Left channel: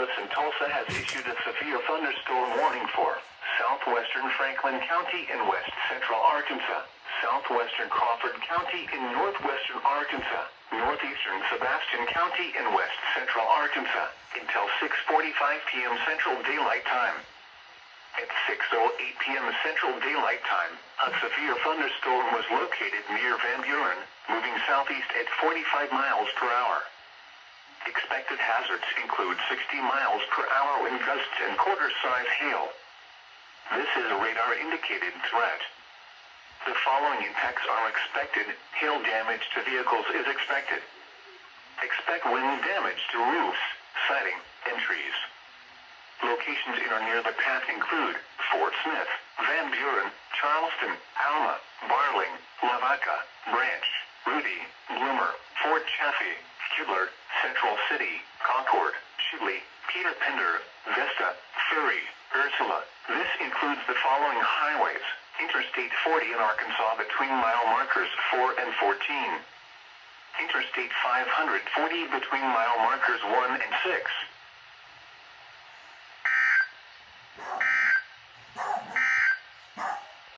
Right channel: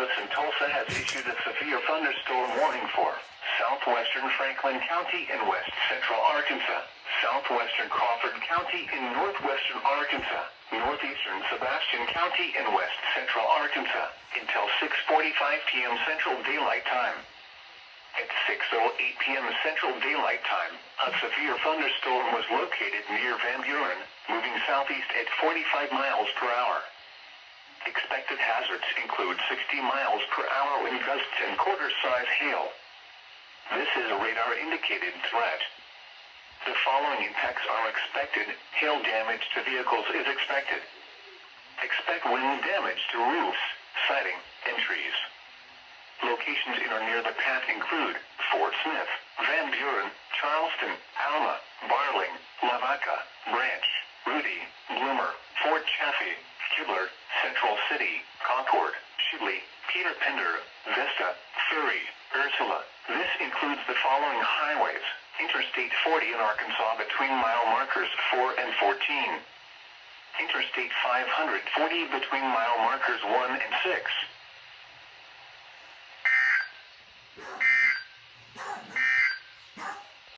Service in Tulsa has issued a severe thunderstorm warning for Southwestern Franklin County in west central Arkansas, Southwestern Crawford County in northwestern Arkansas, Northeastern Sebastian County in west central Arkansas, until 6:45 p.m. Central Daylight Time. At 6:08 p.m. Central Daylight Time, a severe thunderstorm was located near Van Buren, moving southeast at 45 miles per hour. Expected hazards include 60 miles per hour wind gusts and quarter-size hail. This is a radar-indicated threat. The following impacts are expected. Hail damage to vehicles is expected. Expect wind damage to roofs, siding, and trees. Locations in or near the path include Fort Smith, Van Buren, Charleston, Alma, Barling, Lavaca, Branch, Rudy, Bloomer, Fort Chaffee, Kibler, Central City, Concord, Shubley, Peter Pender, Vesta, Ferry, Ursula. This includes the following highways: Interstate 40 in Arkansas between mile markers 4 and 14. Interstate 540 between mile markers 1 and 6.